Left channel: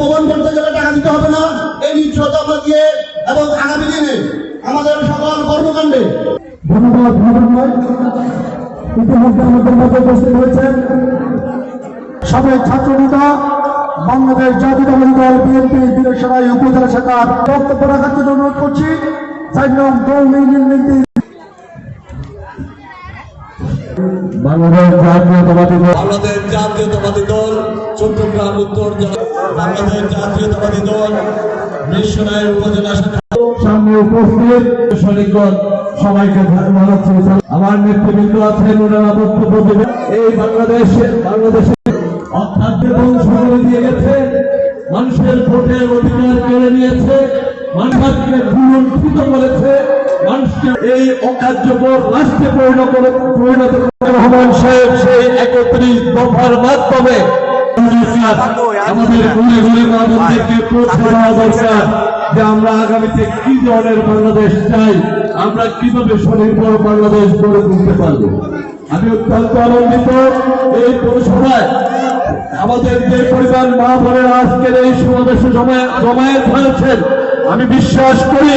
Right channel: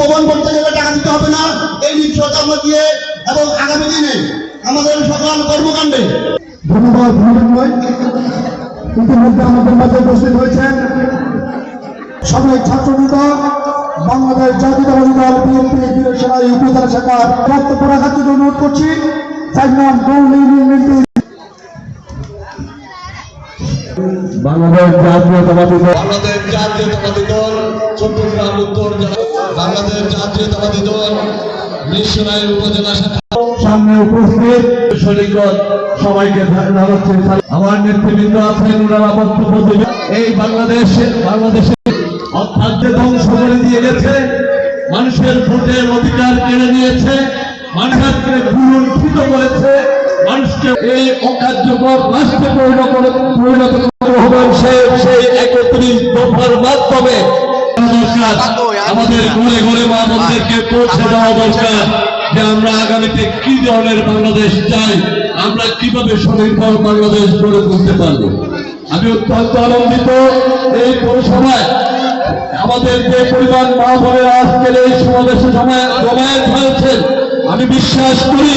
ভবন করতে গেলে টাকা দিতে হবে না, এই নিশ্চয়তা আমরা দিয়ে এবং আগামী দিনে আমাদের সকল কর্মকাণ্ডে। ধন্যবাদ। ইতিমধ্যে আমাদের মাঝে উপস্থিত হয়েছেন সাবেক ছাত্রনেতা বাংলাদেশ জাতীয়তাবাদী দল বিএনপি বীরসরাই উপজেলা শাখার বক্তব্য রাখার জন্য অনুরোধ করছি। বাংলাদেশ জাতীয়তাবাদী দল চট্টগ্রাম উত্তর বাংলাদেশ জাতীয়তাবাদী দল বীরসরাই উপজেলা শাখা সামনে উপস্থিত সৈনিকগণ সবাইকে জানাচ্ছি আমার নেতৃবৃন্দ আছেন, ওনারা বক্তব্য দেবেন। এই বাংলাদেশে অখাদ্য ধ্বংস করে দিয়ে গেছে, মানুষের ভোটের অধিকার কেড়ে নিয়েছে, মানুষকে লুণ্ঠিত করেছে, মানুষকে এই অকার্যকর রাষ্ট্রে পরিণত রহমান সেই 31 দফার মাধ্যমে আমাদের ঘুরে ঘুরে মা বোনদেরকে পৌঁছে দেওয়া দরকার যে আমরা আগামীতে কি ধরনের বাংলাদেশ চাই, আমরা কিভাবে স্বনির্ভর বাংলাদেশ গড়ে তুলতে পারবো। আমি অত্যন্ত আনন্দিত এই পৌরসভায় আমাদের যে পরিবার মা বোনেরা আজকের এই সমাবেশে জমায়েত হয়েছেন, আমি বিশ্বাস করি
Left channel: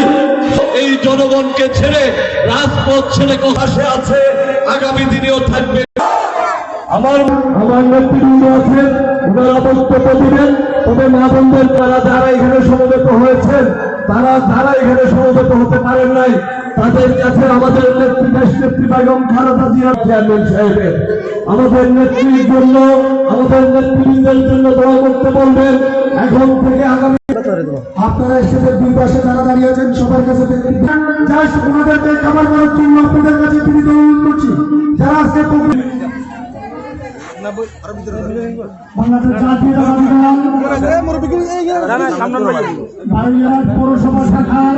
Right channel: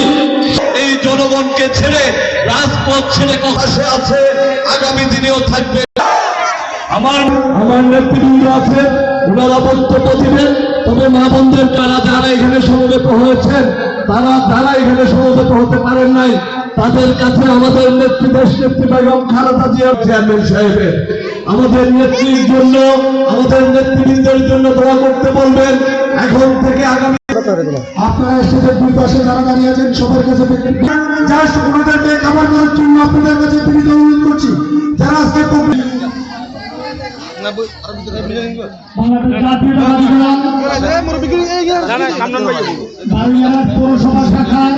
এই জনগণকে ছেড়ে রাজপথ ছেড়ে পাশে আছে, আগামী দিনেও থাকবে। আমার নেতৃবৃন্দ আছে, ওনারা বক্তব্য দিবেন। তবে মা বোনদের যারা এখানে সমবেত হয়েছেন, যারা এখানে সমবেত হতে পারেন নাই, তাদের কাছে আমাদের দেশ নেত্রী বেগম খালেদা জিয়ার চেয়ারম্যান সাহেবের আমাদের নেত্রীর জন্য, আমাদের নেতৃবৃন্দের জন্য দোয়া করতে বলবেন। এখন থেকে আগামী আপনারা স্টেজের দুই পাশে যারা দাঁড়িয়ে আছেন সবার কাছে ওনাদেরকে খাবার করার জন্য আপনাদের কাছে বিনীত অনুরোধ করছি। যারা আজকে বাংলাদেশ জাতীয়তাবাদী দল পৌরসভা শাখার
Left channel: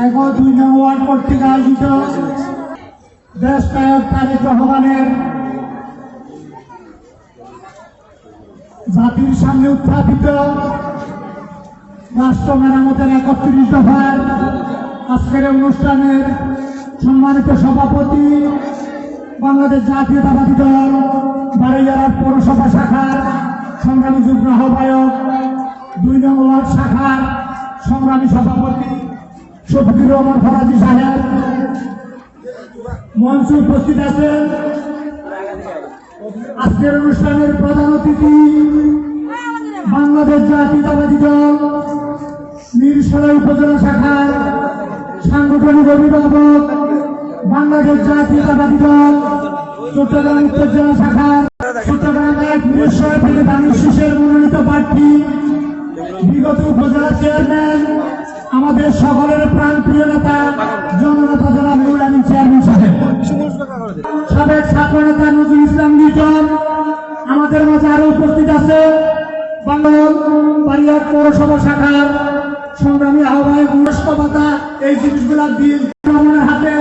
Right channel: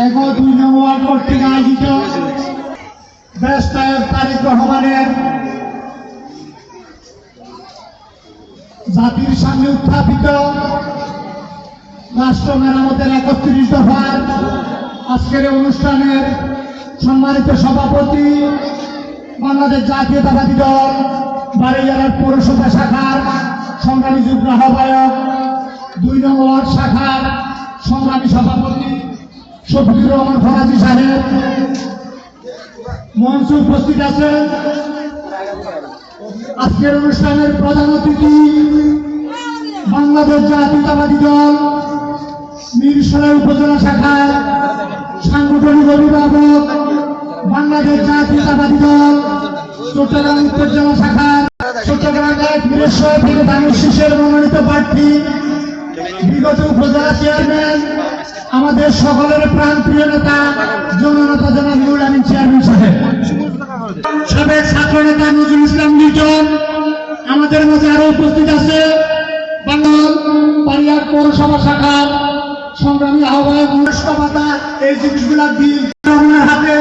1-2 নং ওয়ার্ড কর্তৃক আয়োজিত ব্যারিস্টার তারেক রহমানের জাতির সামনে উত্থাপিত রাষ্ট্র মেরামতের 31 দফার আজকের অনুষ্ঠানের সম্মানিত সভাপতি, বাংলাদেশ জাতীয়তাবাদী দল বাড়িয়ার পৌরসভা শাখার সংগ্রামী যুগ্ম আহ্বায়ক, 2 নং ওয়ার্ড শাখার সংগ্রামী সভাপতি শফিকুর রহমান ফরাজি সাহেব, মঞ্চে উপস্থিত আছেন আজকের অনুষ্ঠানের প্রধান অতিথি বাংলাদেশ জাতীয়তাবাদী দল বীরসরাই উপজেলা শাখার সাংগঠনিক অভিভাবক, বাংলাদেশ জাতীয়তাবাদী দল চট্টগ্রাম উত্তর জেলা শাখার চট্টগ্রাম 1 বীরসরাই থেকে ধানের শীষের মনোনীত প্রার্থী, বিগত উপজেলা চেয়ারম্যান, আমাদের সকলের প্রাণপ্রিয় নেতা জননেতা জনাব নুরুল আমিন চেয়ারম্যান সাহেব, সাবেক ছাত্র নেতা নজরুল ইসলাম লিটন আমাদের মাঝে আরো উপস্থিত আছে। বাড়িয়ার পৌরসভা শাখার সংগ্রামী আহ্বায়ক রাষ্ট্রপাতা, এই জিনিসগুলা দিয়ে হাতে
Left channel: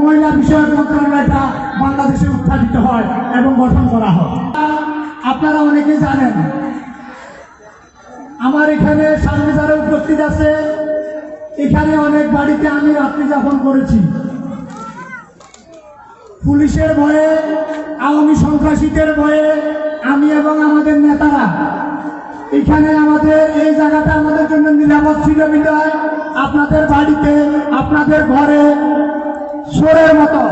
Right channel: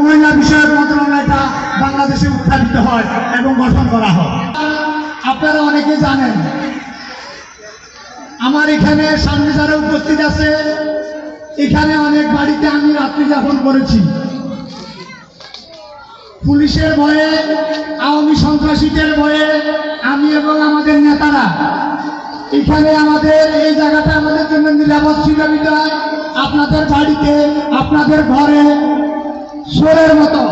মহিলা বিষয়ক মন্ত্রণালয়টা বাংলাদেশে উত্থাপিত হয় এবং গঠন করা হয়। আপনারা অনেকে জানেন আমার এখানে সামনে যারা উপস্থিত আছে, এখানে অনেক বাড়িতে আমি রাত্রি যাপন করেছি। পুলিশের ভয়ে, আওয়ামী সন্ত্রাসীদের ভয়ে আমি এবং আমাদের নেতারা এখানে আমাদের এই জায়গাটা আমাদের জন্য নিরাপদ ছিল বিধায় আপনাদের বাড়িতে, আপনাদের ঘরে চোরের মতো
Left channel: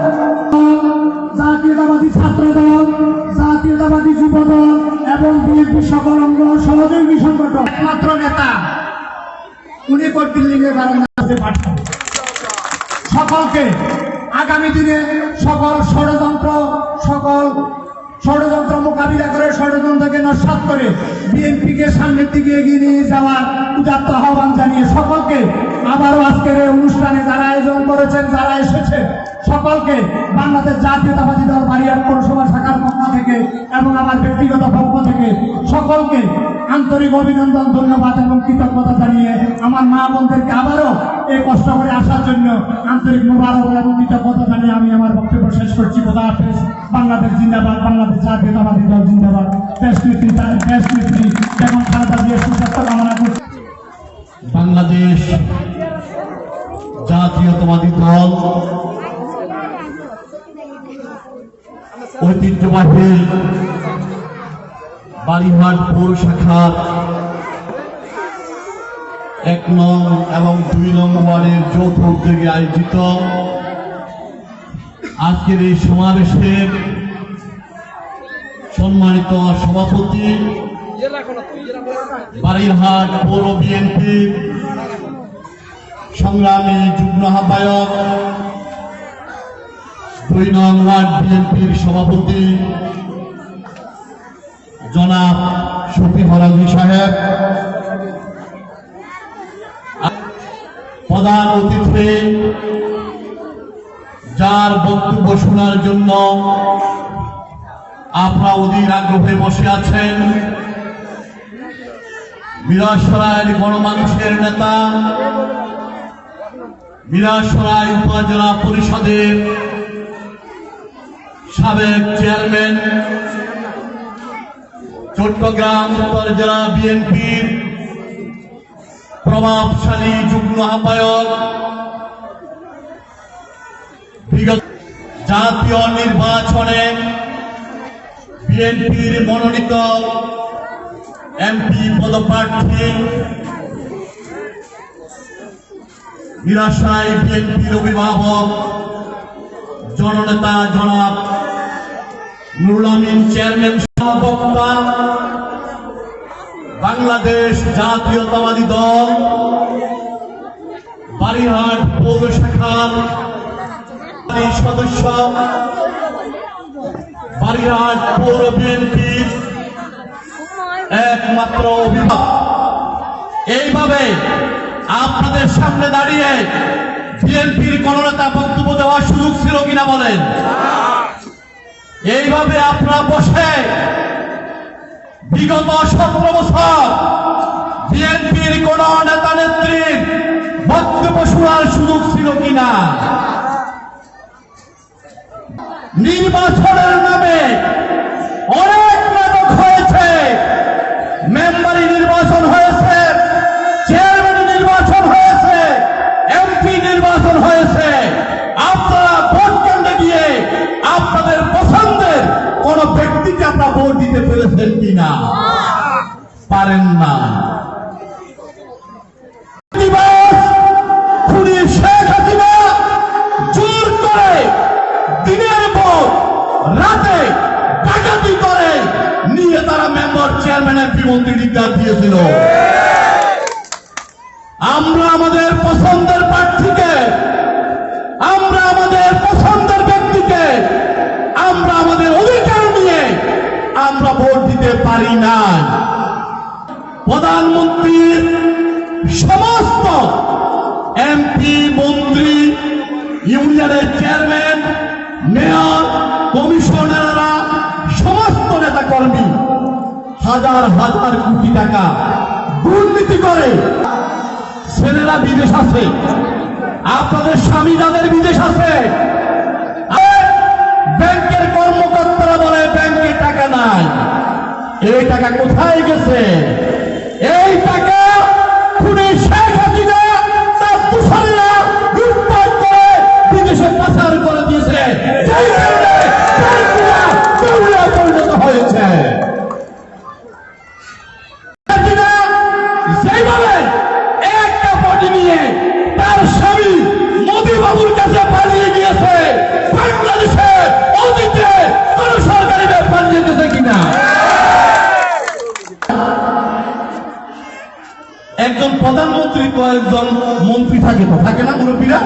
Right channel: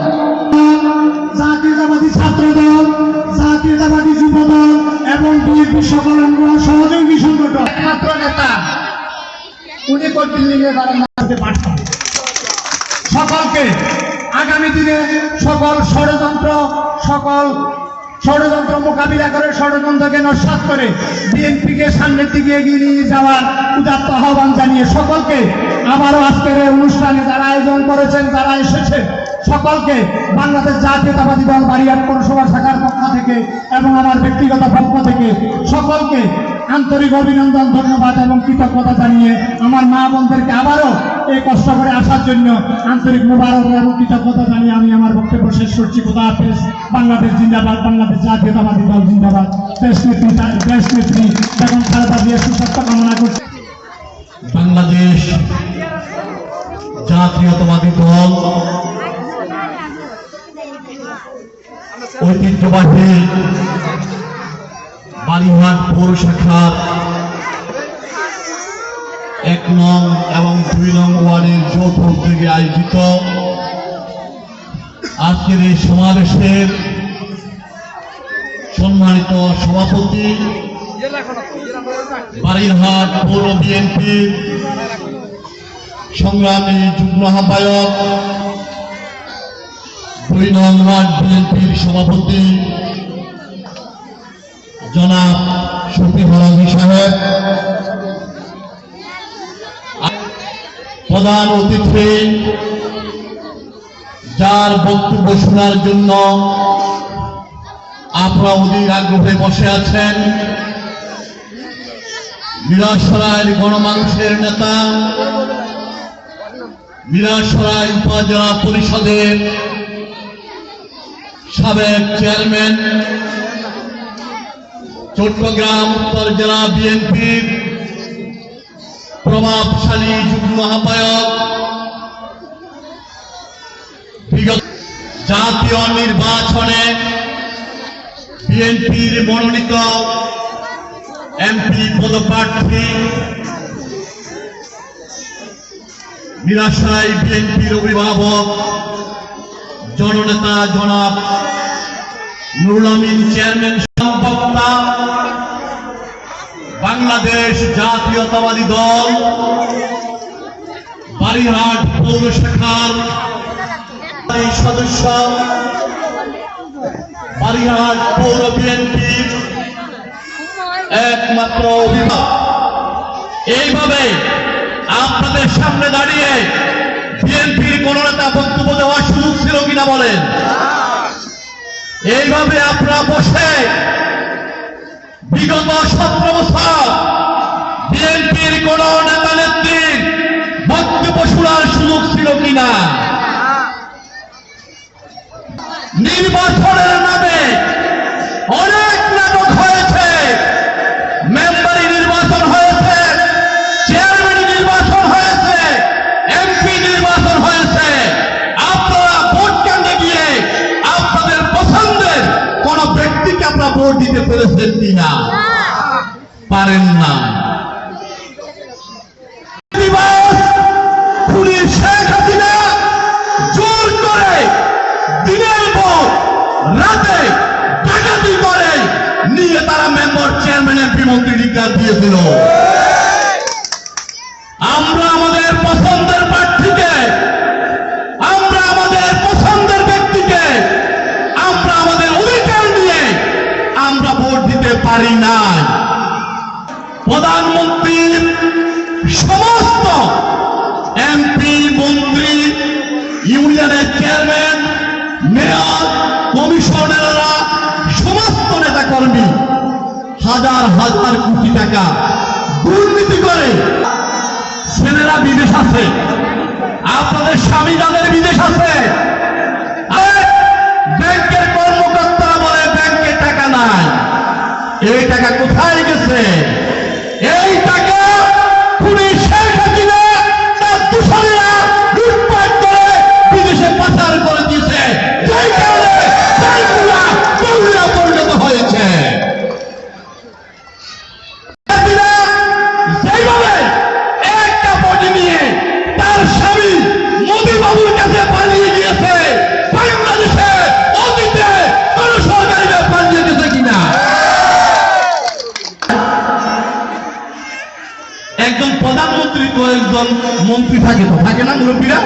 জাতীয়তাবাদী ছাত্র দল, জাতীয়তাবাদী যুব দল এবং বিএনপি সকল অঙ্গ সহযোগী সংগঠন ছাত্র নেতা উনি দিল্লিতে পাঠান। সকলকে আগামী দিনে সকল ষড়যন্ত্র মোকাবিলা করে, ষড়যন্ত্রকে নস্যাৎ করে বিএনপিকে সামনের দিকে এগিয়ে নিয়ে যাওয়ার উদাত্ত আহ্বান জানিয়ে সকলকে আবারও আজকের এই অনুষ্ঠানে যারা আয়োজন করেছেন, যারা এসেছেন, সকলকে বাংলাদেশ জাতীয়তাবাদী দল বাড়িয়ার পৌরসভা শাখার পক্ষ থেকে এবং আমার ব্যক্তিগত পক্ষ থেকে সকলকে আন্তরিক অভিনন্দন, ধন্যবাদ এবং কৃতজ্ঞতা জানিয়ে আমার মা বোনদেরকে আবারও এই কষ্ট করে আসার জন্য আন্তরিক মোবারক এবং কৃতজ্ঞতা জানিয়ে আমি আমার বক্তব্য শেষ করছি। খোদা হাফেজ। বাংলাদেশ জিন্দাবাদ, বাংলাদেশ জাতীয়তাবাদী দল জিন্দাবাদ। দেশ নেত্রী বেগম খালেদা জিয়ার সুস্বাস্থ্য কামনা করছি। বাংলাদেশ জাতীয়তাবাদী দল ঐতিহ্যবাহী বালিহাট পৌর শাখার 1 নং এবং 2 নং ওয়ার্ডের যৌথ উদ্যোগে আয়োজিত আজকের এই সমাবেশের সম্মানিত সভাপতি, বালিহাট পৌর বিএনপি সংগ্রামী যুগ্ম আহ্বায়ক, 2 নং ওয়ার্ড বিএনপির সভাপতি জনাব শফি ফরাজি সাহেব, প্রধান অতিথি যার বক্তব্য শোনার জন্য আপনারা অধীর আগ্রহে বসে আছেন, মিরাসরাইয়ের গণমানুষের নেতা, মিরাসরাই উপজেলা পরিষদের সাবেক চেয়ারম্যান, চট্টগ্রাম উত্তর জেলা বিএনপির প্রভাবশালী যুগ্ম আহ্বায়ক, বিগত জাতীয় নির্বাচনে বিএনপির মনোনীত এমপি পদপ্রার্থী, মিরাসরাই বিএনপির অভিভাবক জননেতা জনাব নুরুল আমিন চেয়ারম্যান, বক্তা বাংলাদেশ জাতীয়তাবাদী দল বালিহাট পৌর শাখার সদস্য, বালিহাট পৌর বিএনপির একমাত্র অভিভাবক, এইভাবে আপনাদের সামনে দাঁড়িয়ে বিএনপির কোন নেতা বক্তব্য দেওয়ার সুযোগ ছিল কিনা বলেন? এইভাবে আপনারা বসে বিগত 17 বছর বিএনপির কোন নেতা নেত্রীর বক্তব্য শোনার সুযোগ ছিল কিনা? নির্বাচনের নামে অনেক নাটক হয়েছে, মেম্বারি নির্বাচন হয়েছে, চেয়ারম্যান নির্বাচন হয়েছে, এমপি নির্বাচন হয়েছে। আপনারা ভোট কেন্দ্রে গিয়ে আপনাদের পছন্দের কোন ব্যক্তিকে আপনারা ভোট দিতে পেরেছেন কিনা? পারেন না। শেখ হাসিনা জোর করে দিনের পর রাতে ডাকাতি করে নিয়ে তারা মেম্বার চেয়ারম্যানের বিমন্ত্রী ডিক্লার দিয়েছিল। আমরা আমাদের পছন্দের প্রার্থীকে, আমরা আমাদের পছন্দের ব্যক্তিকে, আমরা আমাদের অধিকার নিয়ে আমরা ভোট দিতে পারি না। প্রধানমন্ত্রীর সমস্ত এমপি, মন্ত্রী, ইউনিয়নের চেয়ারম্যান, মেয়র, কমিশনাররা, সমস্ত নেতা কর্মী হাজার হাজার কোটি টাকা দুর্নীতি করে। ছেলেরা বিদেশ আছে, আপনাদের স্বামী যাদের বিদেশ আছে, ব্যাংকের কর্মকর্তারা বলে ব্যাংকে টাকা নাই। এই টাকা কোথায় গেছে? এই টাকা খুনি শেখ হাসিনা তার দূষণীরা লুটপাট করে বিদেশে পাচার করে দিয়েছে, যেই কারণে ব্যাংকগুলো পরিণত হয়েছে। সেইভাবে একটা বডি নিয়ে তার স্বামী মোদি বাবুর কাছে পালিয়ে গিয়েছে, বাংলাদেশে অতীতে কোন সরকারি পালিয়ে গেছে কিনা? একজন প্রধানমন্ত্রী কয়েকজন মন্ত্রী থাকে, তো থাকে না মুরব্বীরা?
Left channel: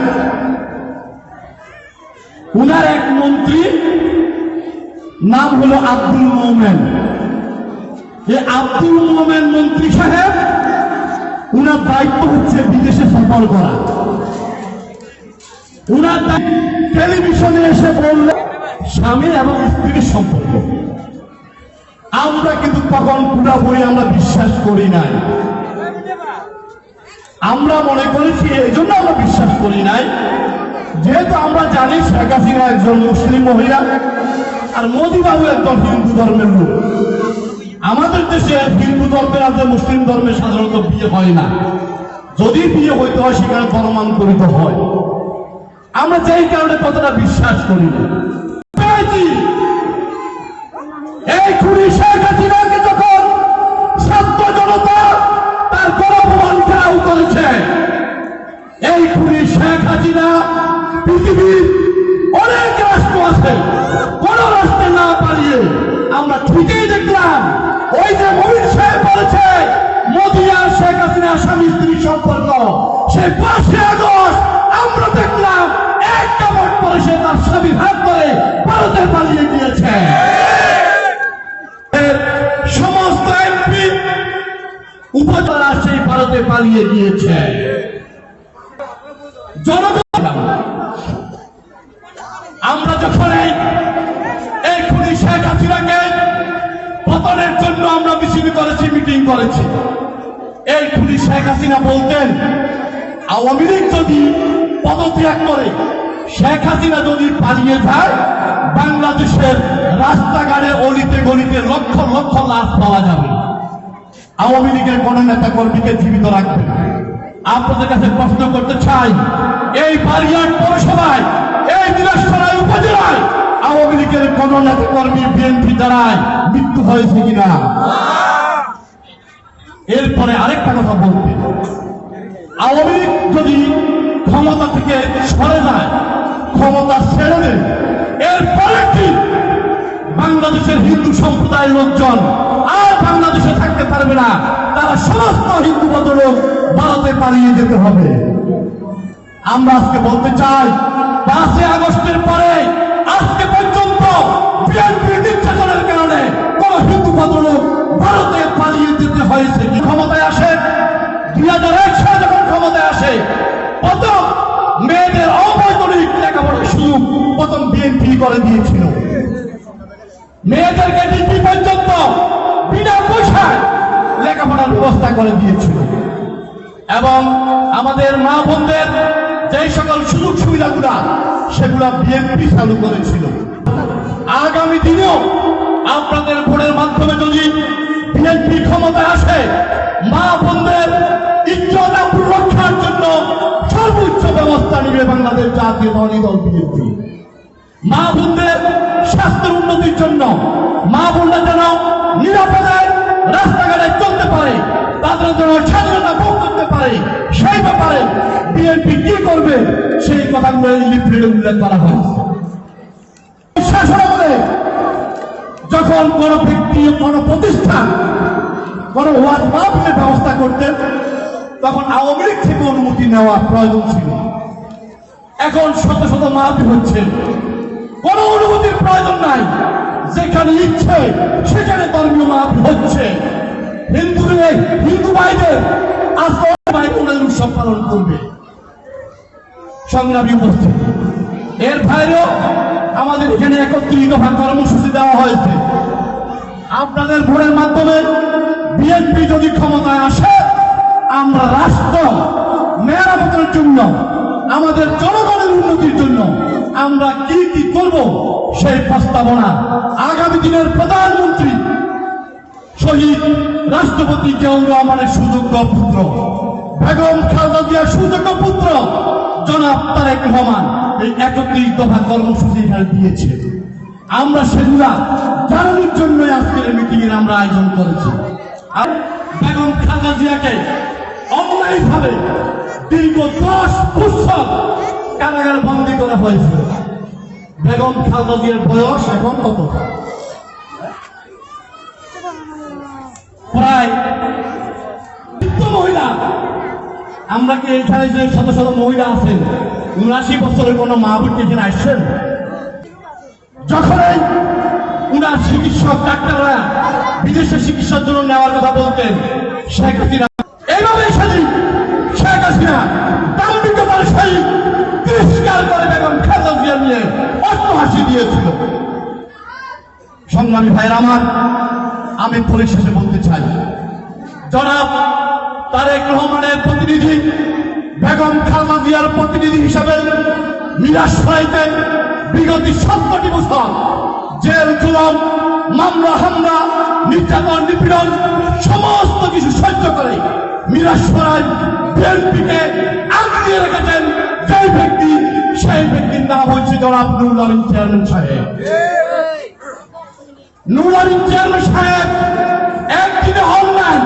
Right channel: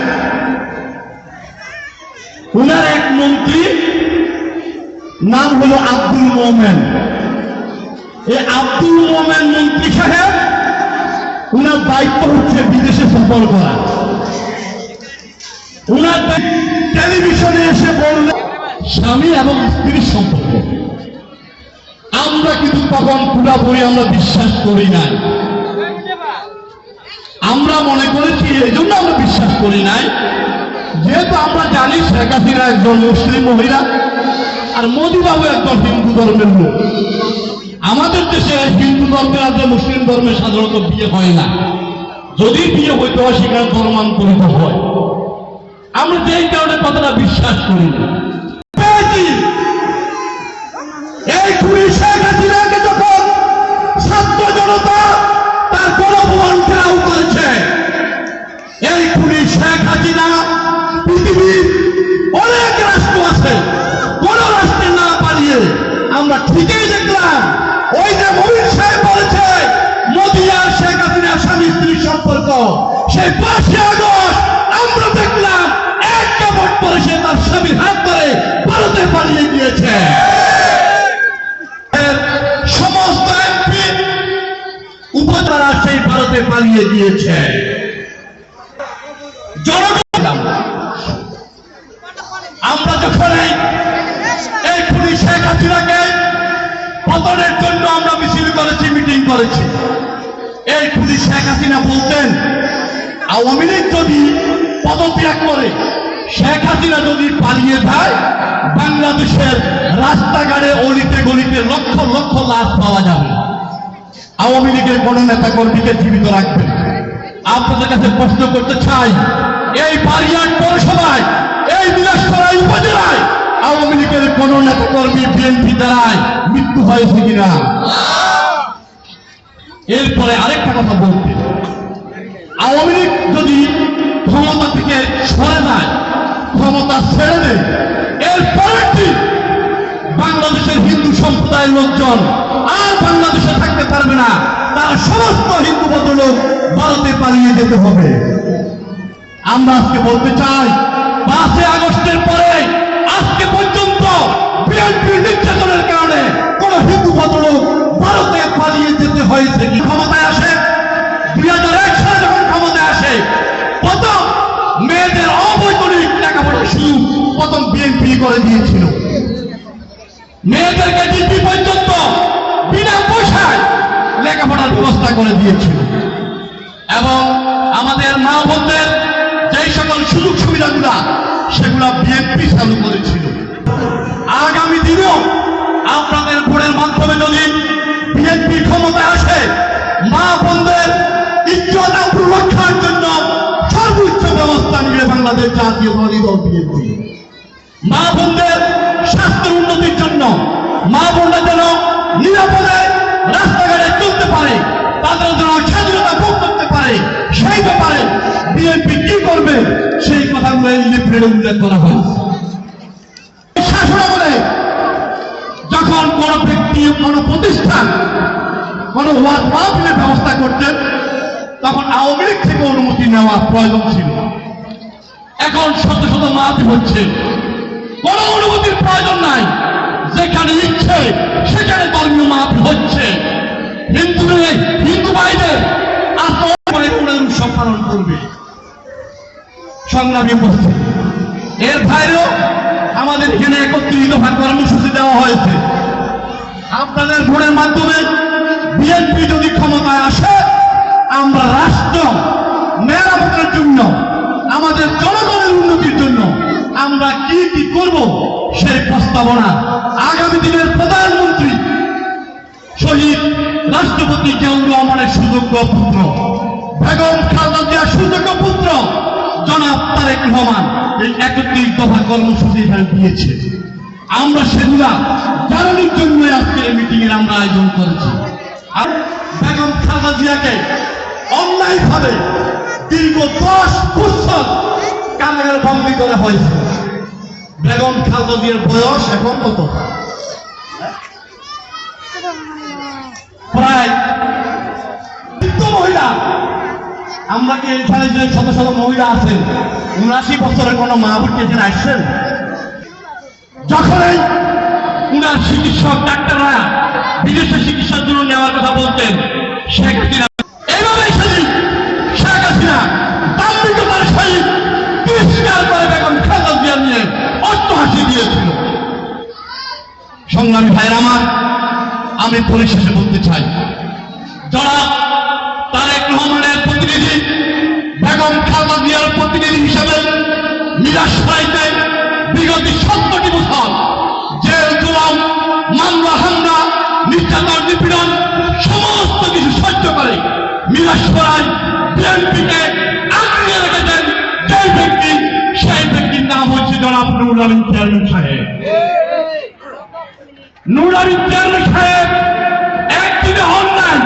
উনার এক মন্ত্রী নাম হলো আব্দুল মোমেন। এই আব্দুল মোমেন মন্ত্রী সাহেব, উনার দায়িত্ব হচ্ছে বিদেশে সফর করা। উনার টেলিভিশনে এসে বললেন স্বামী এবং স্ত্রীর সম্পর্ক। আমরা কিন্তু তখন পুরোপুরি আমরা বিশ্বাস করি নাই। আমরা মনে করেছি, এই জন্য আমরা বিশ্বাস করি নাই, যেহেতু আমরা জানি শেখ হাসিনা একজন মুসলিম মহিলা আর মোদি বাবু একজন হিন্দু ধর্মের লোক। আমাদের দেশে হিন্দু ধর্মের আর মুসলিম ধর্মে সাধারণত বিয়ে হয় না, যদি বিয়ে হইতে হয় সেখানে ধর্মান্তরিত হয়। আমরা যেই কারণে কথাটা বিশ্বাস করি না। এই খুনি শেখ হাসিনাকে যখন হাসিনা পৃথিবীর অনেক রাষ্ট্র আছে, কোন রাষ্ট্রের না পালিয়ে আমরা ঠিকই দেখলাম ওই যে মমিন সাহেব বলেছে মোদি আর শেখ হাসিনা স্বামী স্ত্রীর সম্পর্ক, সেই 5 আগস্ট আমরা দেখলাম এক কাপড় পরে সে তার স্বামীর হাত ধরে ভারতে পালিয়ে গিয়েছে। সমস্ত এমপি উপজেলা সেই ভারতে পালিয়ে গিয়েছে। জনগণ আমরা যখন এই খুনি শেখ হাসিনাকে পতনের জন্য আমরা মিছিল করেছি, মিটিং করেছি, এই খুনি শেখ হাসিনা বলতেন আওয়ামী লীগ যদি পদত্যাগ করে, শেখ হাসিনা যদি পালিয়ে যায়, বাংলাদেশের রাস্তাঘাটে অলিতে গলিতে লক্ষ লক্ষ লাশ পাওয়া যাবে, আওয়ামী লীগের কোন নেতা কর্মীকে জীবিত রাখবেন। আপনাদের কাছে প্রশ্ন করতে চাই, এই বারিয়ার পৌরসভায়, এই বিলাসপাড়ায় উপজেলায় আওয়ামী লীগের কোন নেতা কর্মী বিএনপি দ্বারায় মৃত্যু হয়েছে কিনা? এরপরে আরেকটা কথা বলতে, আওয়ামী লীগ যদি ক্ষমতা থেকে সরে যায়, ক্ষমতা ছেড়ে দেয়, এর পরেরটি বাংলাদেশের হিন্দু সম্প্রদায়ের লোকজন আর বাংলাদেশে থাকতে পারবে না, তারা সমস্ত হিন্দু ভদ্রলোক ভারতে পালিয়ে যেতে হবে। আমরা আজকে বলতে চাই 5 আগস্টের পরে আজকে পর্যন্ত বিএনপির নির্যাতনের কারণে কোন হিন্দু ভদ্রলোক ভারতে পালিয়ে যেতে হয়েছে কি? ক্ষমতায় আসে 2001 সালে যখন ক্ষমতায় আসে, প্রথম মেয়েদের অবৈতনিক লেখাপড়ার সুযোগ প্রথম বিএনপি করে দিয়েছিল। মেয়েদেরকে ডিগ্রি পর্যন্ত বিনা পয়সায় লেখাপড়ার ব্যবস্থা করে দিয়েছিল এবং আমাদের মা বোনদের যেই সকল সুযোগ সুবিধাগুলা সেগুলা বিএনপি চালু করেছিল। আগামী দিনেও আপনাদের ভোটের মাধ্যমে যদি বিএনপি ক্ষমতায় আসে, মা বোনদের ইজ্জত আবরু রক্ষার জন্য সর্বোচ্চ ব্যবস্থা নিবে বাংলাদেশ জাতীয়তাবাদী দল বিএনপি। মা বোনদের স্বাস্থ্যের উন্নতির জন্য, মা বোনরা যেন নিরাপদে রাস্তাঘাটে চলতে পারে, তাদের যেন স্বাধীনতা ভোগ করতে পারে, সেই ব্যাপারে বিএনপি কি করবে সেই কথাগুলো লিফলেটে উল্লেখ করা হয়েছে। শাসনামলে যখন কোন ব্যক্তি, কোন প্রতিষ্ঠান, কোন ওয়ার্ড মাহফিলের ব্যবস্থা করতেন, তখন আওয়ামী লীগ থেকে অনুমতি নেওয়ার প্রয়োজন ছিল। এখন শত শত মাহফিল হচ্ছে, কোন অনুমতির প্রয়োজন নাই, যেখানে ইচ্ছে সেখানে ধর্মীয় মাহফিল হচ্ছে। হিন্দু বাইরে আর উৎসব পালন করবে। সংগ্রামী উপস্থিত, এর বাইরেও আমাদের এখানে 31 দফা কর্মসূচি দেওয়া হয়েছে। আপনাদের ভোটের মাধ্যমে বিএনপি যদি ক্ষমতায় আসে, আমরা রাষ্ট্র মেরামতের জন্য, আমাদের জনগণের উন্নতির জন্য আমরা কি কি করব সেই প্রস্তাবনা আগামী দিনের প্রধানমন্ত্রী শহীদ রাষ্ট্রপতি জিয়াউর রহমানের সুযোগ্য পুত্র, বেগম খালেদা জিয়ার সুযোগ্য পুত্র জনাব তারেক রহমান এই 31 দফা কর্মসূচি দিয়েছে। আমরা সেগুলা জানানোর জন্য আজকের মিটিং এর আমরা আয়োজন করেছি। আর বেগম খালেদা জিয়াকে অন্যায়ভাবে দীর্ঘ 10 বছর কারাগার বন্দী করা হয়েছে। বেগম খালেদা জিয়ার বয়স এখন কত? প্রায় মহিলা। আমরা কি এখানে যে শত শত মহিলা আছেন, 79 বছরের কোন মা বোনকে এখানে আসছেন? যখনই উনার চিকিৎসক ডাক্তাররা বিদেশে চিকিৎসার জন্য নেওয়ার কথা বলতেন, শেখ হাসিনা এইভাবে শেখ হাসিনা দাম্ভিকতার সহিত তিরস্কার করে বেগম খালেদা জিয়া নিয়ে অট্টহাসি দিয়েছিল। সংগ্রামী ভাইয়ের আমার, আমি পরিশেষে বলতে চাই, জনাব তারেক রহমানের প্রতিনিধি, বেগম খালেদা জিয়ার প্রতিনিধি হিসেবে মিরাসরাইতে বিগত 70টি বছর জেল জুলুম, মামলা হামলা, নির্যাতন নিপীড়ন সমস্ত কিছু সহ্য করে মিরাসরাই বিএনপিকে আগিয়ে রেখেছেন সেই ব্যক্তি, সেই ব্যক্তির নাম হচ্ছে জনাব নুরুল আমিন চেয়ারম্যান সাহেব। নুরুল আমিন চেয়ারম্যান সাহেব একদিনে হন নাই।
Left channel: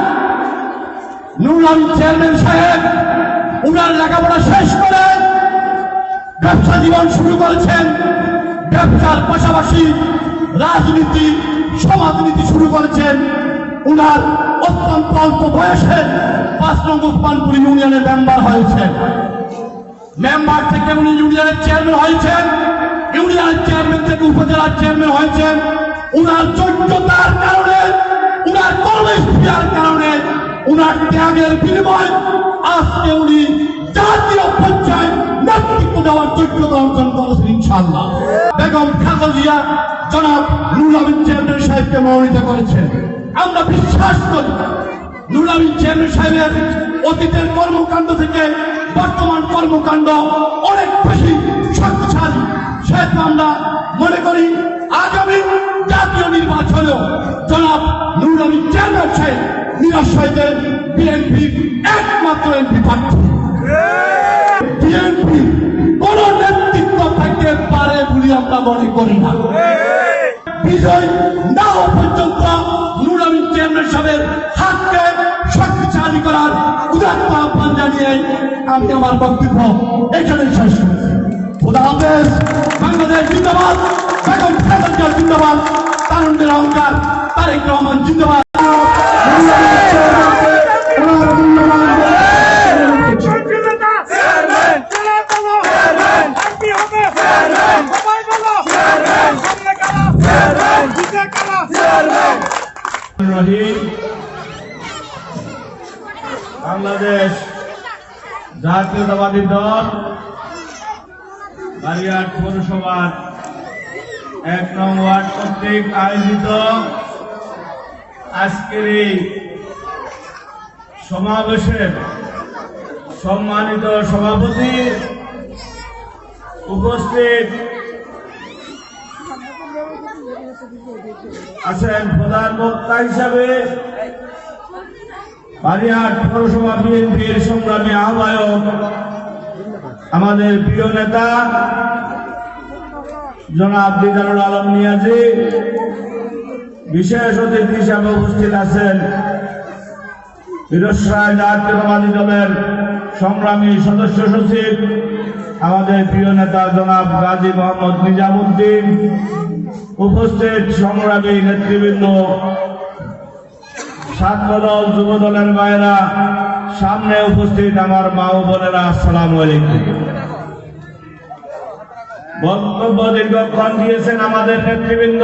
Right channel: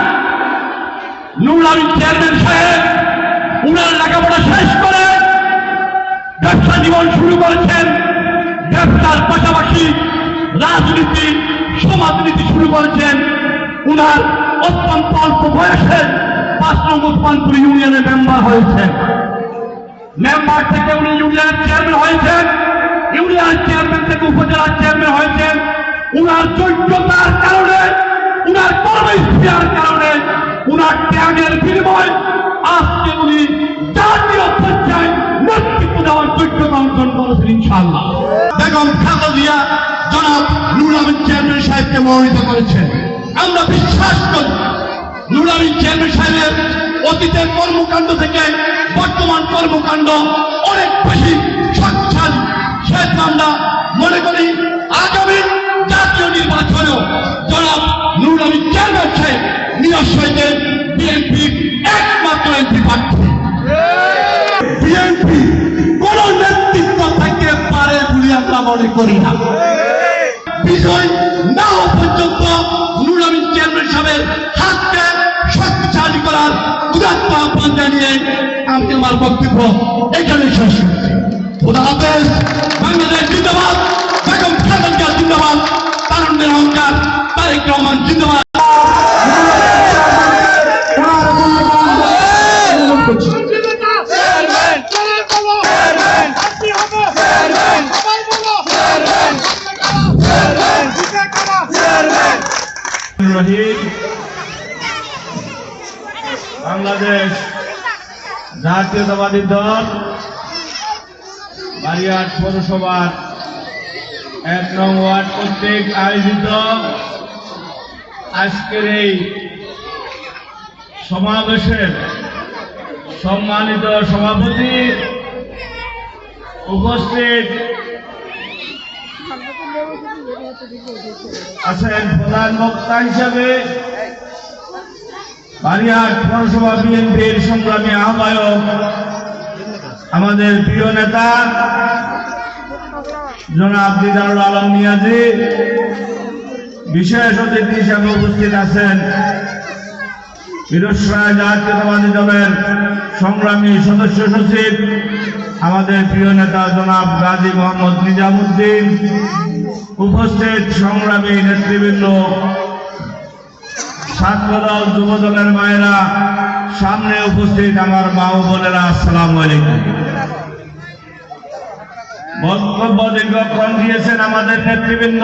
নুরুল আমিন চেয়ারম্যান সাহেব উনার লেখাপড়া শেষ করে ব্যবসা জীবন শুরু করেছেন, ব্যবসার পাশাপাশি রাজনীতি সমাজনীতি শুরু করেছেন। উনার অত্যন্ত অল্প বয়সে 5 নং উসমানপুর ইউনিয়নের মেম্বার হয়েছেন। মেম্বার থেকে উনি ইউনিয়নের চেয়ারম্যান হয়েছেন, ইউনিয়নের চেয়ারম্যান থেকে উপজেলার চেয়ারম্যান হয়েছেন। উনার যোগ্যতার কারণে, উনার কর্মস্পৃহার কারণে, উনার ত্যাগের বিনিময়ে আজকে উনি জাতীয় পর্যায়ে নেতৃত্ব দেওয়ার যোগ্যতা অর্জন করেছেন ইনশাআল্লাহ। বেগম খালেদা জিয়া জনাব নুরুল আমিন চেয়ারম্যান সাহেবকে মনোনীত করেছেন। আমরা বিশ্বাস করি নুরুল আমিন চেয়ারম্যান সাহেবের অতীতের কর্মকাণ্ড থেকে বর্তমান কর্মকাণ্ড অনেক বেশি শক্তিশালী। সেহেতু আমরা মনে করি আগামী জাতীয় নির্বাচনেও জনাব নুরুল আমিন চেয়ারম্যান সাহেব নিরস্বইদের বিএনপি একমাত্র এমপি প্রার্থী। বিএনপি কোন নেতৃত্ব থেকে পারে বলে আমরা মনে করি না। বিজয় না হওয়া পর্যন্ত নুরুল আমিন চেয়ারম্যান সাহেবের হাতকে শক্তিশালী করার উদাত্ত আহ্বান জানিয়ে আমি আমার বক্তব্য এখানে শেষ করছি। খোদা হাফেজ। বাংলাদেশ জিন্দাবাদ, বেগম খালেদা জিয়া জিন্দাবাদ, তারুণ্যের অহংকার তারেক রহমান জিন্দাবাদ। বাংলাদেশ জাতীয়তাবাদী দল বারিয়ার পৌরসভার 1 নং ওয়ার্ড কর্তৃক আয়োজিত আজকের এই সমাবেশের সম্মানিত সভাপতি, উপস্থিত আছেন প্রধান বক্তা হিসাবে বারিয়ার পৌরসভা বিএনপির সংগ্রামী আহ্বায়ক আমাদের প্রিয় নেতা জনাব দিদারুল আলম মিয়াজি, বিশেষ অতিথি হিসাবে উপস্থিত আছেন বীরশ্রায় জাতীয়তাবাদী দলের সংগ্রামী সদস্য সচিব আমাদের প্রিয় নেতা জনাব গাজী মোহাম্মদ নিজামুদ্দিন, উপস্থিত সংগ্রামী নেতৃবৃন্দ, ছাত্রদল যুবদলের মায়েরা, সামনে উপস্থিত আমার মা ও বোনেরা, আসসালামু আলাইকুম। বক্তব্য দীর্ঘক্ষণ দিয়েছেন আমাদের নেতৃবৃন্দ।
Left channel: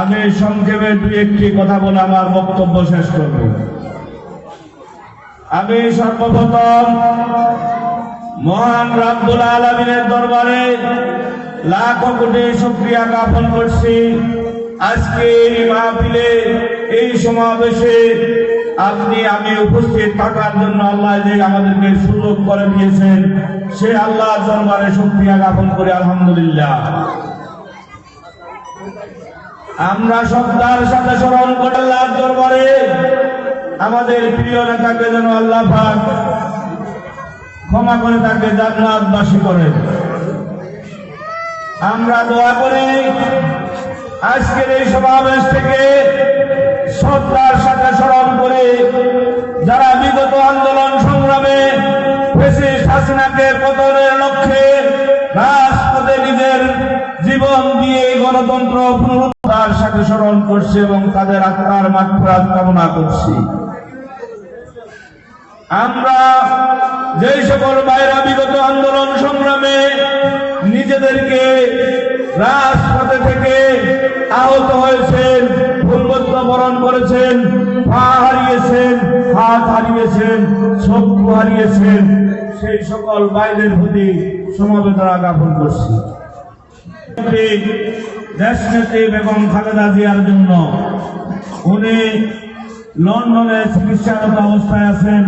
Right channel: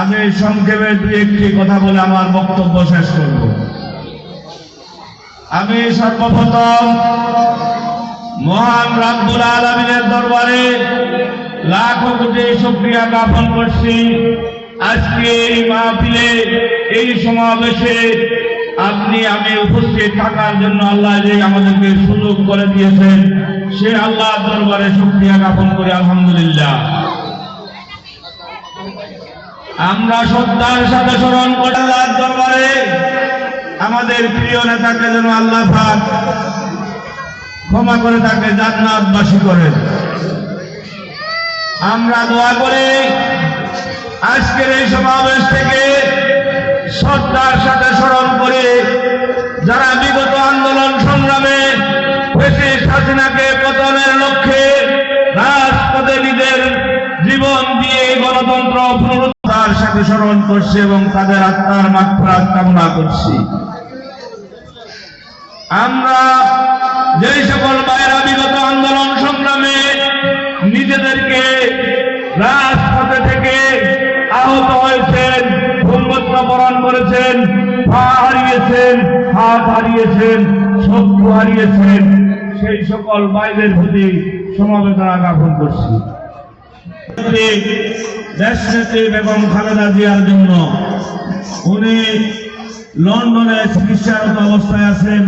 আমি সংক্ষেপে 2-1টি কথা বলে আমার বক্তব্য শেষ করব। আমি সর্বপ্রথম মহান রব্বুল আলামিনের দরবারে লাখো কোটি শুকরিয়া জ্ঞাপন করছি। আজকে এই মাহফিলে, এই সমাবেশে আপনি আমি উপস্থিত থাকার জন্য আল্লাহ যে আমাদেরকে সুযোগ করে দিয়েছেন, সে আল্লাহর দরবারে শুকরিয়া জ্ঞাপন করি আলহামদুলিল্লাহ। আমরা শ্রদ্ধার সাথে স্মরণ করি আল্লাহর দরবারে আমাদের প্রিয় নেতাকে যেন আল্লাহ পাক ক্ষমা করে তাকে জান্নাতবাসী করেন। আমরা দোয়া করি আজকের এই সমাবেশ থেকে শ্রদ্ধার সাথে স্মরণ করে যারা বিগত আন্দোলন সংগ্রামে ফ্যাসিস্ট হাসিনাকে পতনের লক্ষ্যে রাজপথে নিজের জীবন দিয়ে গণতন্ত্র পুনরুদ্ধার সাথে স্মরণ করছে এবং তাদের আত্মার মাগফিরাত কামনা করছি। আমরা যেই সকল ভাইরা বিগত আন্দোলন সংগ্রামে নিজেদেরকে রাজপথে থেকে আহত হয়েছেন, ভূমিকম্প বরণ করেছেন, পা হারিয়েছেন, হাত হারিয়েছেন, চক্ষু হারিয়েছেন, সেই সকল ভাইদের প্রতি সমবেদনা জ্ঞাপন করছি। দেশনেত্রী বেগম খালেদা জিয়ার জন্য উনি লন্ডনে চিকিৎসারত অবস্থায় আছেন।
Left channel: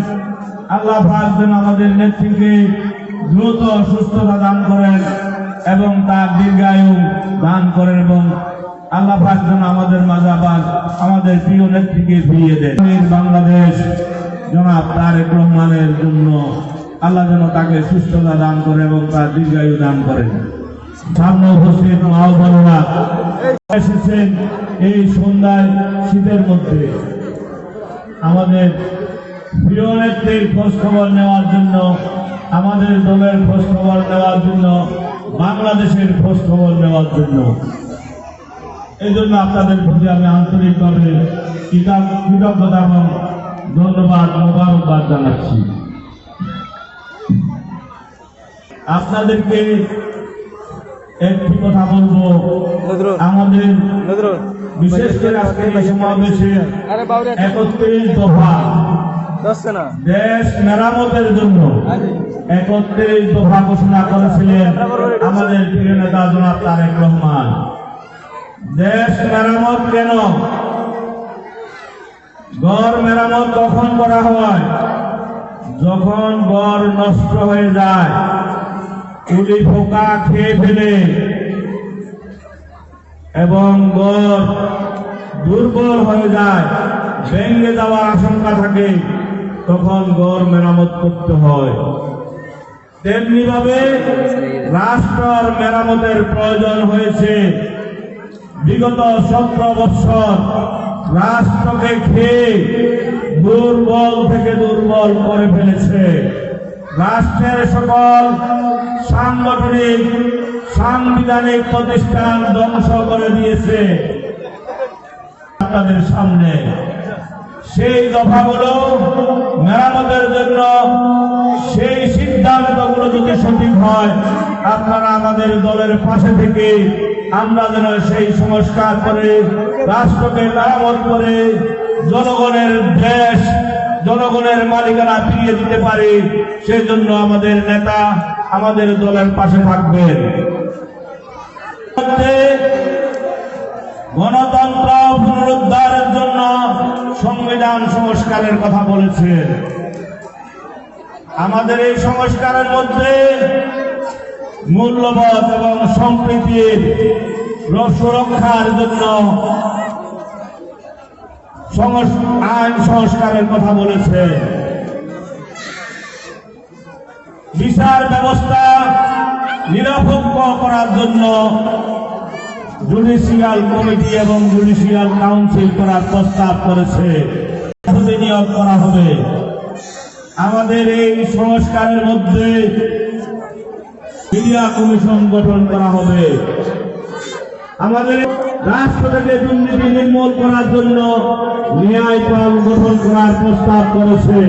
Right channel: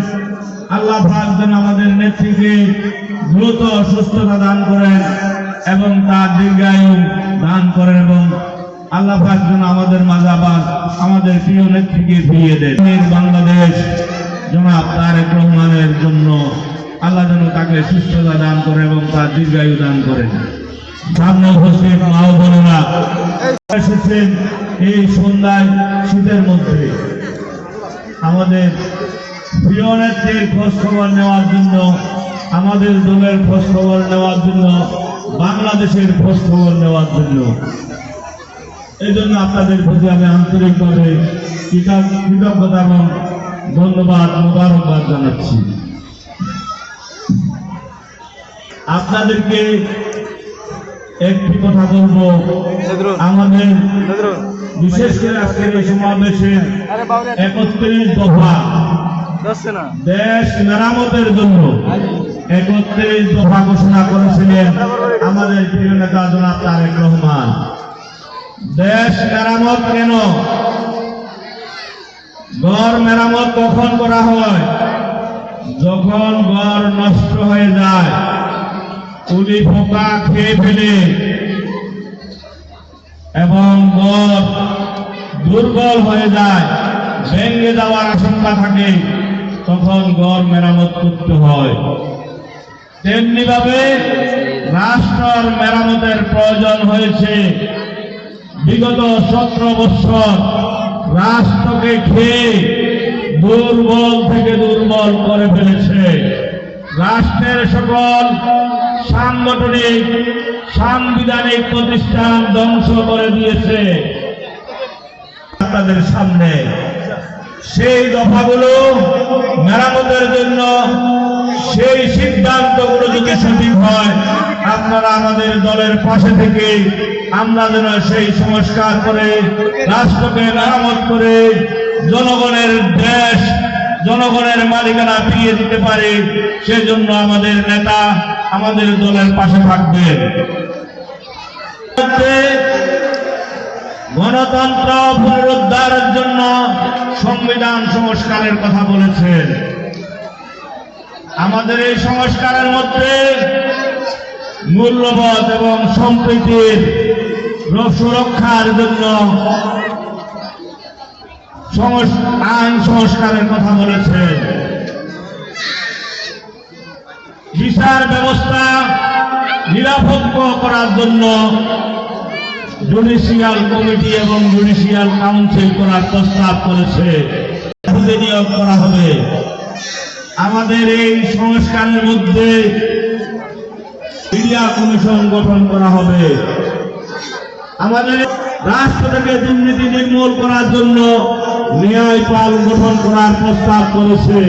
আল্লাহ পাক যেন আমাদের নেত্রীকে দ্রুত সুস্থতা দান করেন এবং তার দীর্ঘায়ু দান করেন এবং আল্লাহ পাক যেন আমাদের মাঝে আবার আমাদের প্রিয় নেত্রীকে ফিরিয়ে দেন। বাংলাদেশ জনাব তারেক রহমানের জন্য আল্লাহ যেন তাকে সুস্থতা দান করেন এবং তার দীর্ঘায়ু দান করেন। সামনে উপস্থিত মা ও বোনেরা এসেছেন এই সন্ধ্যায় শীতের মধ্যে আমাদের প্রিয় নেত্রীর খোঁজ খবর নেওয়ার জন্য, আমাদের দলের খোঁজখবর নেওয়ার জন্য, বাংলাদেশের খোঁজখবর নেওয়ার জন্য। এই জন্য আপনাদের প্রতি আমি আন্তরিকভাবে কৃতজ্ঞতা এবং ধন্যবাদ, মোবারকবাদ জানাচ্ছি। আপনাদেরকে একটি কথা বলবো, আমাদের বিশেষ করে আজকের এই সমাবেশে 31 দফা দেশ মেরামতের জন্য 31 দফা ঘোষণা করেছিলেন আমাদের প্রিয় নেতা জনাব তারেক রহমান। দেশ মেরামত কেন? ঘর মেরামত কখন করা হয়? যখন ঘর নষ্ট হয়ে যায়, উলি পোকা খেয়ে ফেলে এবং ঘর দুর্বল হয়ে যায়, ভেঙে যাওয়ার আশঙ্কা থাকে, তখন ঘর মেরামত করতে হয়। তেমনি ভাবে রাষ্ট্রের মেরামতের প্রয়োজন হয়েছে। বিগত 17 বছর রাষ্ট্রকে খেয়ে দুর্বল থেকে দুর্বল করে ফেলেছে। রাষ্ট্রের সকল সাংগঠনিক সাংবিধানিক প্রতিষ্ঠান ধ্বংস করে দিয়েছে। আপনাদের সামনে সেই দফাগুলো মেরামতের জন্য সেই সিদ্ধান্তগুলো যদি সঠিক হয়, আপনারা আমাদের দলের পাশে থেকে আমরা যেন সেই সংস্কার করে রাষ্ট্রকে মেরামত করে জনগণের দেশ, জনগণের মালিকানা ফিরিয়ে দিতে পারি, সেজন্য আমাদের নেতা আমাদের দলের পাশে থাকবেন। গণতন্ত্র পুনরুদ্ধারের জন্য সংবিধান সংস্কারের কথা বলেছেন। আমাদের এই সংস্কারের মধ্যে মূল্যবোধ এবং সম্প্রীতির সুরক্ষার জন্য আইন সংস্কারের কথা বলেছে। বিচার ব্যবস্থা নিরপেক্ষ করার জন্য জুডিশিয়াল কমিটি এবং জুডিশিয়াল কাউন্সিল করার প্রস্তাব করেছে। নিয়োগ করা হবে। আমাদের এই সংস্কারের মধ্যে মিডিয়া কমিশন গঠন করা হবে। আমাদের রাষ্ট্র থেকে দুর্নীতি নির্মূল করার জন্য ন্যায়পাল গঠন করার প্রস্তাব করেছে।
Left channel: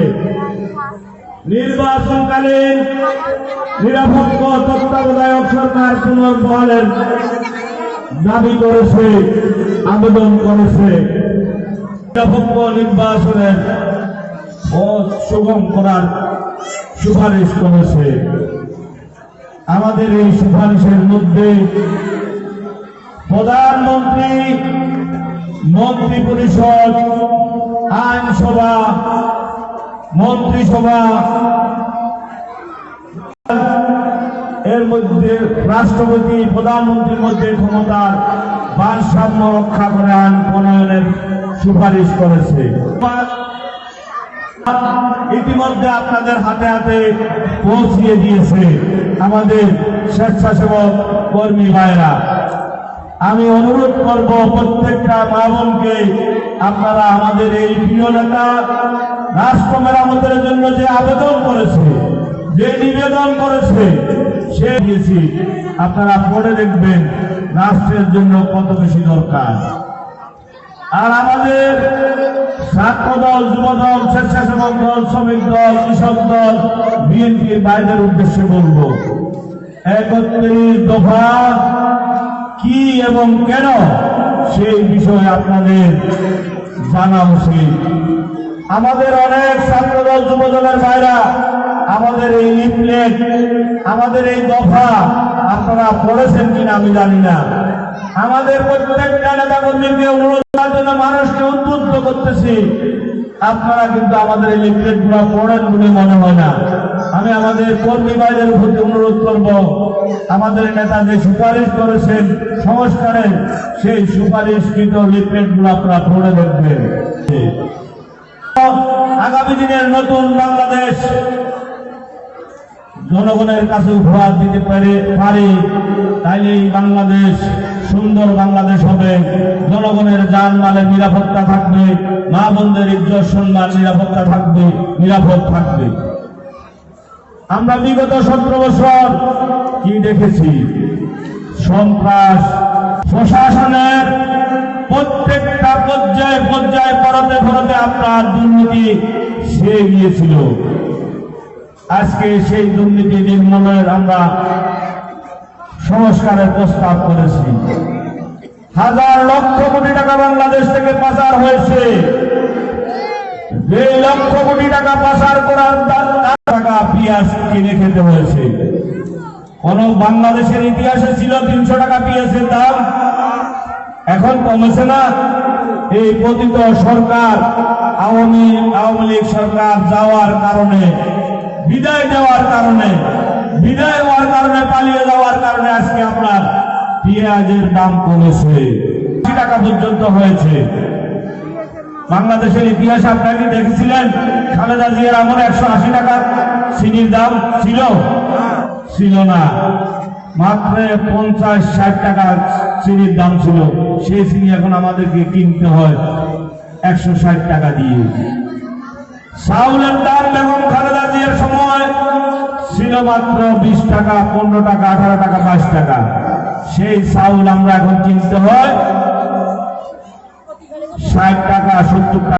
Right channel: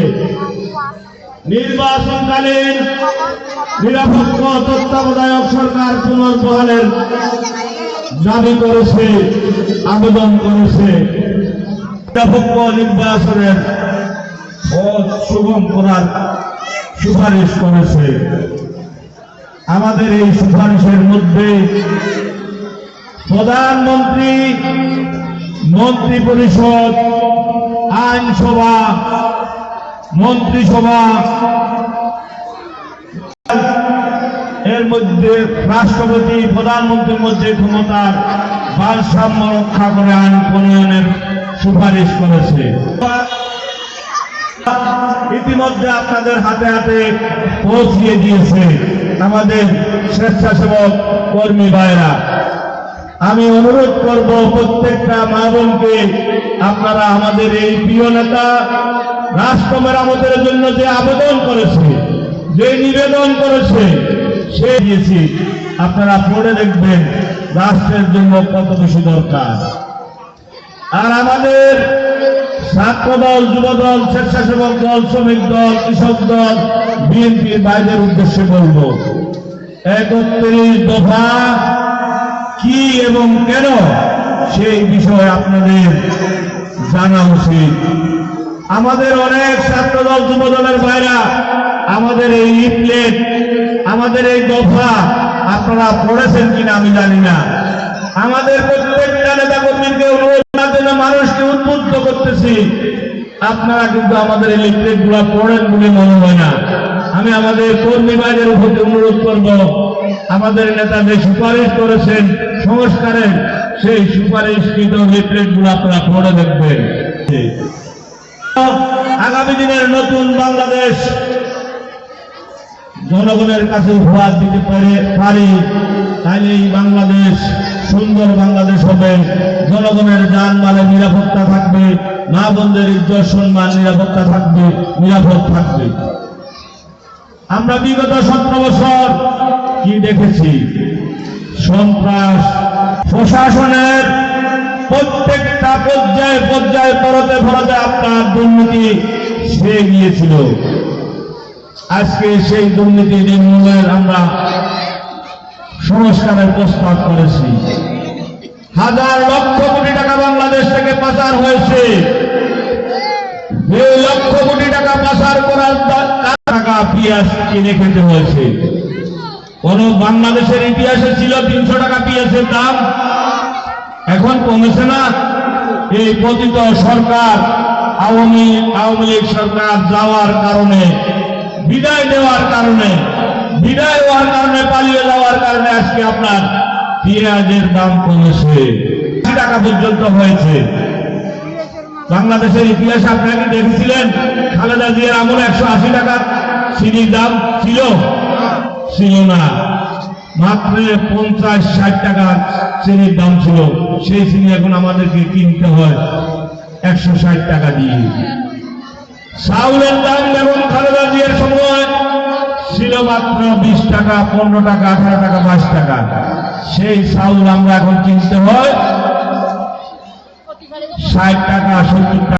নির্বাচনকালীন নিরপেক্ষ তত্ত্বাবধায়ক সরকার পুনর্বহালের দাবি করেছে, আবেদন করেছে। নিরপেক্ষ নির্বাচনের সুগম করার সুপারিশ করেছে। আমাদের এই সুপারিশের মধ্যে প্রধানমন্ত্রী, মন্ত্রিপরিষদ, আইনসভা, মন্ত্রিসভা, এর মধ্যে রাষ্ট্রপতি, প্রধানমন্ত্রীর মধ্যে ক্ষমতার ভারসাম্য রক্ষা করে আইন প্রণয়নের সুপারিশ করেছে। ইতিমধ্যে আপনাদের হাতে হাতে পৌঁছিয়ে দিয়েছে আমাদের স্বেচ্ছাসেবক কর্মী ভাইরা। আমি অনুরোধ করব প্রত্যেকটা মা বোনকে, আপনারা আমাদের এই প্রিয় নেতা রাষ্ট্র মেরামতের জন্য যে আবেদন করেছে, যে নিবেদন করেছে, সে দিয়েছি, আপনারা পড়ে দেখবেন রাষ্ট্রের জন্য কত বেশি দরকার। আর আমাদের ছাত্র দল, যুব দল, স্বেচ্ছাসেবক দল, শ্রমিক দল, কৃষক দল, বিএনপির বাইরের উদ্দেশ্যে বলব, 31 দফা কি এবং কেন সেই বিষয়ে আপনাদের জানা উচিত। আমাদের অনেক ছাত্রদল, যুব দলের ভাইরা আমাদের এই লিফলেট, আমাদের এই দফা আপনারা পড়েছেন কিনা আমি জানি না। আমাদের প্রত্যেকটা নেতা কর্মীকে অনুরোধ করার জন্য মানুষকে উদ্বুদ্ধ করতেছি, আপনারা কিন্তু আমাদের এই লিফলেট গুলা পড়েন বলে মনে হয় না। আমি আমাদের কর্মী ভাইদের প্রতি অনুরোধ করব, আমাদের নেতা যে সুপারিশ করেছেন সংস্কারের, সেই সুপারিশকৃত লিফলেট গুলো আপনারা পড়ে দেখবেন। আগামী দিনের নতুন বাংলাদেশ জনগণের কাছে উপহার দিতে পারি, তাইলে এই বাংলাদেশ সুন্দর বাংলাদেশ হবে। জনগণের জানমালের নিরাপত্তা থাকবে, মা বোনদের ইজ্জত সম্মান নিরাপত্তা থাকবে, নিরাপদ থাকবে। আমরা বিগত 17 বছর কি দেখেছি? সন্ত্রাস, প্রশাসনের প্রত্যেকটা পর্যায়ে পর্যায়ে পরতে পরতে আপনার দুর্নীতি ছেয়ে গিয়েছিল। আজকে সেই দুর্নীতি নির্মূলের আমরা সংস্কারের প্রস্তাব করেছি। হাজার লক্ষ কোটি টাকা বাংলাদেশ থেকে পাচার হয়েছে। 2 লক্ষ কোটি টাকা পাচার করার টাকা পেঁয়াজ কিনে খেতে হয়েছে। কোন বাংলাদেশের ইতিহাসে ছিল 300 টাকা পেঁয়াজের দাম? এখন কমেছে না? এই পতিত সরকার, আওয়ামী লীগ সরকার যাওয়ার কারণে, বিদায় হওয়ার কারণে, পালিয়ে যাওয়ার কারণে আজকে আপনার পেঁয়াজের দাম কমেছে, 80 টাকা পর্যন্ত হয়েছে। বাংলাদেশের ইতিহাসে আপনারা কি দেখেছিলেন খালেদা জিয়ার আমলে 180 টাকা চিনির দাম ছিল না, মাত্র 50-60 টাকা চিনির দাম ছিল। সেই চিনি এখন আমাদেরকে কিনতে হয় 160 টাকা দিয়ে। চাউলের দাম যেমন খালেদা জিয়ার সময় ছিল মাত্র 20 টাকা, 15 টাকা, 18 টাকা, 22 টাকা, সেই চাউল আমরা এখন কিনতে হয় 60 টাকা, 70 টাকা।